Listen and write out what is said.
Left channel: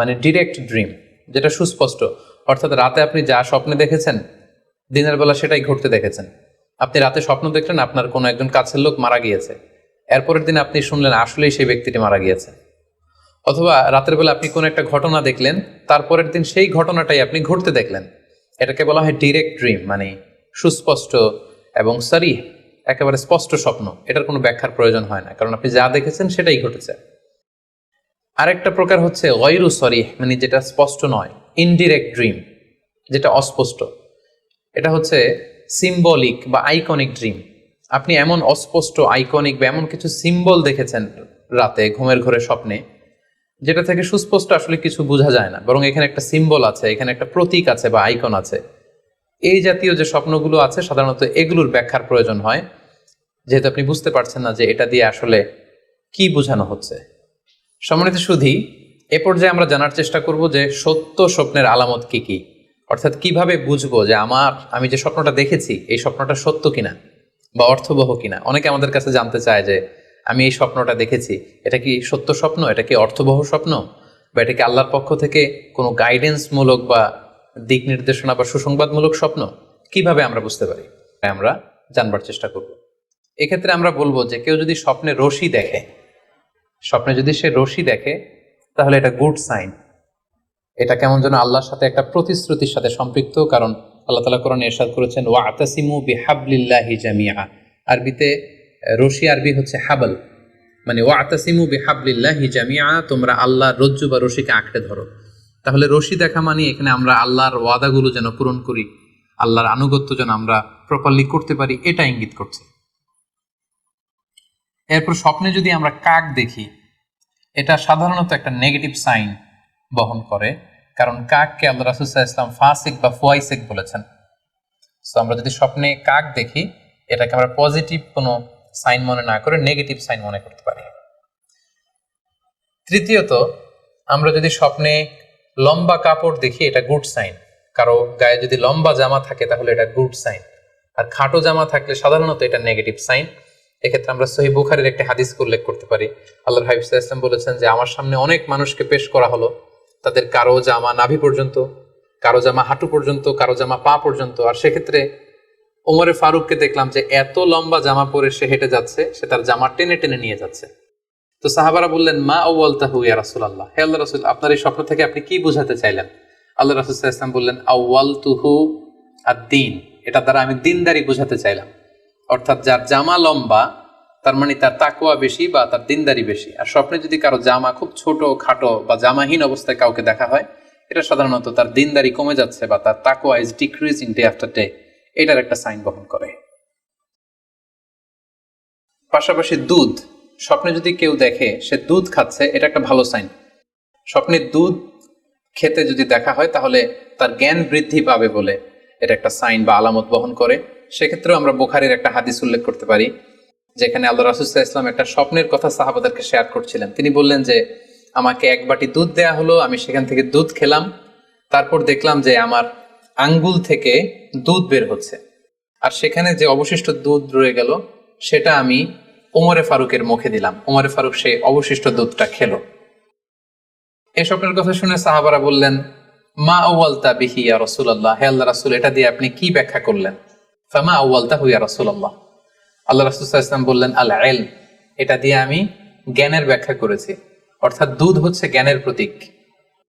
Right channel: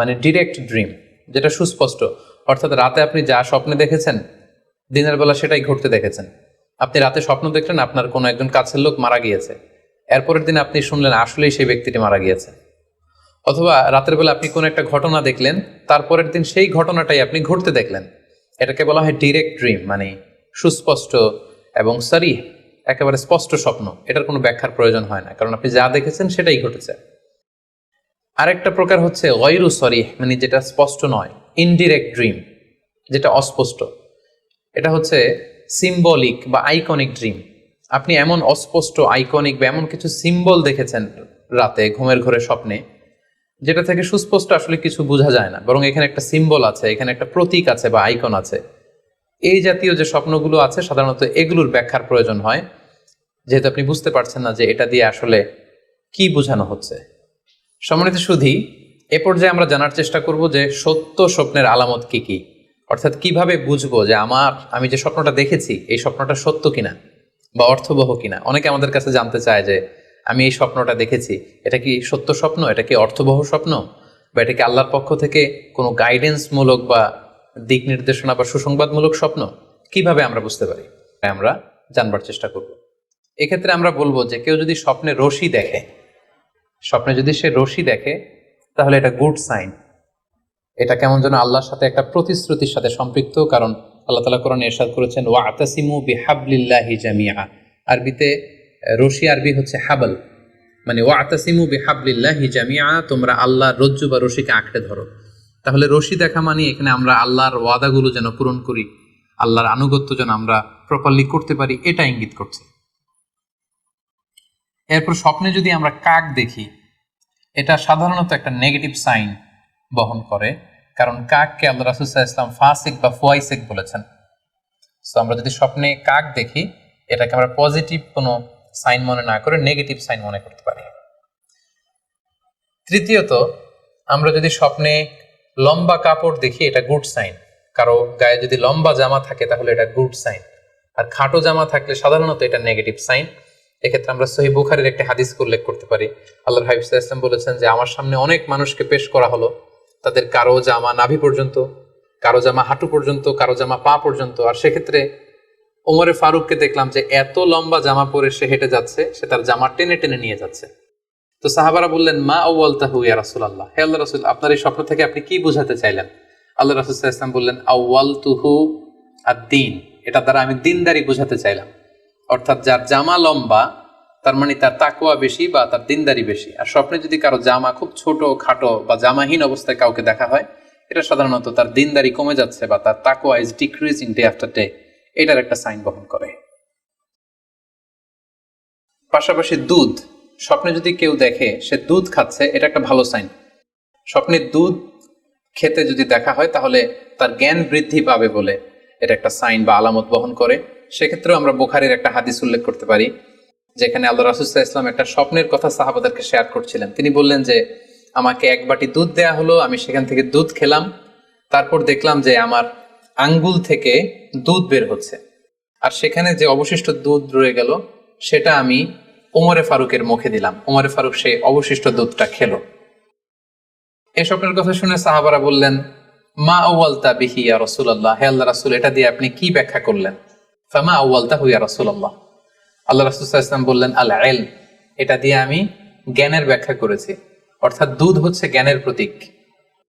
মানে direct dream, যেটা সুস্পষ্ট। অর্থাৎ রাতে আপনি যা স্বপ্নে দেখেছেন দিনের বেলা সেটাই ঘটতে দেখেছেন। আপনি রাতে স্বপ্ন দেখলেন আপনার কোনো একজন কাছের লোক মারা গিয়েছে, এরপরের দিন আপনি শুনলেন আসলেই সেই ব্যক্তিটি মারা গিয়েছে। অথবা রাতের বেলা আপনি কোনো একটা ঘটনা দেখলেন, তারপরের দিন সেই ঘটনাটাই আপনি ঘটতে দেখলেন। এটাকে বলা হয় ডিরেক্ট ড্রিম, মানে সুস্পষ্ট এবং সারিহ, একেবারে স্পষ্ট স্বপ্ন। এটার কোনো ব্যাখ্যার প্রয়োজন হয় না, কারণ আপনি যা দেখেছেন সেটাই ঘটেছে। আরেকটা প্রকার হচ্ছে গয়রু সরিহ, মানে যেটা স্পষ্ট নয়, ইনডিরেক্ট ড্রিম, যেটা অস্পষ্ট। এটা হচ্ছে সিম্বলিক বা আইকনিক ড্রিম। আপনি এমন অস্পষ্ট আইকনিক বা এমন কিছু সিম্বল দেখেছেন রাতে ঘুমের ঘরে স্বপ্নে, যেটা থেকে সুস্পষ্ট আসলে কিছু বোঝা যায় না, বরং এখানে একটা সিম্বল আছে, এখানে একটা প্রতীক আছে বা আইকন আছে। এই জাতীয় যে স্বপ্নগুলো আছে সাধারণত এগুলোর ব্যাখ্যার প্রয়োজন হয়, যেহেতু আপনি বুঝতে পারছেন না যে এটা দিয়ে আসলে কি বোঝানো হচ্ছে। সম্মানিত সুধী, এ পর্যায়ে আমরা জানার চেষ্টা করব যে সত্য স্বপ্নের আলামত কি কি, অর্থাৎ কিভাবে বুঝবো যে আমি যে স্বপ্নটা দেখেছি এই স্বপ্নটা সত্য কিনা বা অর্থবহ কিনা। অনেকে আমাদের কাছে জানতে চায় যে আমি এই স্বপ্নটা দেখেছি, এটা কি সত্য স্বপ্ন, এটা কি অর্থবহ স্বপ্ন, বা এটা কি আল্লাহর পক্ষ থেকে কোনো গাইডেন্স মূলক বা দিক নির্দেশনা বা সুসংবাদমূলক স্বপ্ন, কিভাবে আমরা বুঝতে পারি, আমরা জানবার চেষ্টা করব। এক্ষেত্রে আমরা বলবো যে কেউ যদি স্বপ্নে রশি দেখে, স্বপ্নে যদি সে রশি দেখে তাহলে এটা গুড সাইন। এটা কেমন যেন আল্লাহর সাথে একটা প্রতিশ্রুতির সাথে সম্পৃক্ত, কারণ আল্লাহ তাআলা কোরআনে ইরশাদ করেছেন ওয়াতাসিমু বিহাবলিল্লাহি জামিআ। আরবিতে রশি আরবি হচ্ছে হাবল, মানে ওয়াতাসিমু বিহাবলিল্লাহি জামিআ, তোমরা আল্লাহর রজ্জু বা রশিকে আঁকড়ে ধরো। তাহলে রশি দেখা মানে এখানে আমরা আল্লাহর ওয়াদাগুলো যেন পূরণ করি, আল্লাহর আনুগত্য যেন আমরা প্রপারলি করতে পারি, এটা ইঙ্গিত করছে। এরপর স্বপ্নে যদি আমরা কাক দেখি, এটা সাধারণত একটা নেগেটিভ সাইন বহন করে, কারণ কাককে আল্লাহ রাসূল সাল্লাল্লাহু আলাইহি ওয়াসাল্লাম ফাসিক বা ফুয়াইসিক বলেছেন। সো আমরা যদি স্বপ্নে কাক দেখি, এটাকে আমরা পজিটিভ কোনো সাইন মনে না করে নেগেটিভ সাইন মনে করতে পারি। তৃতীয়ত, আমরা যদি স্বপ্নে লম্বা কাপড় দেখি এটা গুড সাইন। কারো গায়ে যদি লম্বা জামা থাকে তাহলে এটা গুড সাইন, আর খাটো জামা থাকলে সাধারণত এটা নেগেটিভ সাইন। এক্ষেত্রে আমরা সহিহ বুখারীর একটা হাদিস উল্লেখ করতে পারি। আল্লাহর হাবিব সাল্লাল্লাহু আলাইহি ওয়াসাল্লাম বলেছেন যে আমার সামনে অনেক মানুষকে পেশ করা হলো, তাদের কারো জামা নাভি পর্যন্ত, কারো জামা হাঁটু পর্যন্ত, কারো জামা পা পর্যন্ত। আর সেক্ষেত্রে ওমরে ফারুককে দেখলাম যে এত লম্বা জামা পরে সে হেঁটে যাচ্ছে, সে তার জামা টেনে টেনে নিয়ে যাচ্ছে। তো সাহাবারা বললেন মা আউয়ালতাহু ইয়া রাসূলুল্লাহ, হে আল্লাহর রাসূল, আপনার এই স্বপ্ন থেকে আপনি কি বোঝাতে চাইলেন? আল্লাহ রাসূল সাল্লাল্লাহু আলাইহি ওয়াসাল্লাম বললেন আউয়ালতুহু আদ-দীন, এটা দ্বারা আমি দিনদারি বোঝাতে চাইলাম। অর্থাৎ যার জামা লম্বা তার মানে তার তাকওয়া বেশি বা তার দিনদারি বেশি। আর স্বপ্নে যদি কারো জামা খুব ছোট খাটো বা জামাহীন অবস্থায় কাউকে দেখা হয়, এটা সাধারণত তার দিনদারি কমে যাচ্ছে বা তার তাকওয়া is decreasing day after day, এটার একটা সাইন বহন করে। পাশাপাশি দুধ, স্বপ্নে যদি কেউ দেখে সে দুধ খাচ্ছে, এটা একটা ভালো সাইন। স্বপ্নে দুধ খেতে যদি দেখা হয় তাহলে তার জ্ঞান বৃদ্ধি পাবে বলে এটা একটা সাইন বা আলামত বহন করে। সেক্ষেত্রে আমরা বুখারীর একটা হাদিস উল্লেখ করতে পারি, যেখানে আল্লাহ রাসূল সাল্লাল্লাহু আলাইহি ওয়াসাল্লাম একটা স্বপ্নের কথা সাহাবাদেরকে শেয়ার করছিলেন। তিনি বললেন যে আমাকে এক বাটি দুধ দেয়া হলো, আমি সেখান থেকে দুধ খেলাম, তারপর দেখলাম যে আমার আঙ্গুল থেকে দুধ বের হচ্ছে, আর সেখানে যে অবশিষ্ট দুধ রয়ে গেল সেটা আমি ওমরে ফারুকের মুখে দিলাম। ওমরে ফারুক সেই অবশিষ্ট দুধটা খেলো। এই স্বপ্নের কথা শুনে সাহাবারা বললেন মা আউয়ালতা বিহি ইয়া রাসূলুল্লাহ, হে আল্লাহর রাসূল, এটা দিয়ে আপনি কি ব্যাখ্যা করলেন? ফামা আউয়ালতাহু ইয়া রাসূলুল্লাহ, আল্লাহ রাসূল সাল্লাল্লাহু আলাইহি ওয়াসাল্লাম বললেন আল ইলম, এটা দিয়ে আমি জ্ঞানের ব্যাখ্যা করেছি। অর্থাৎ দুধ হচ্ছে জ্ঞানের প্রতীক।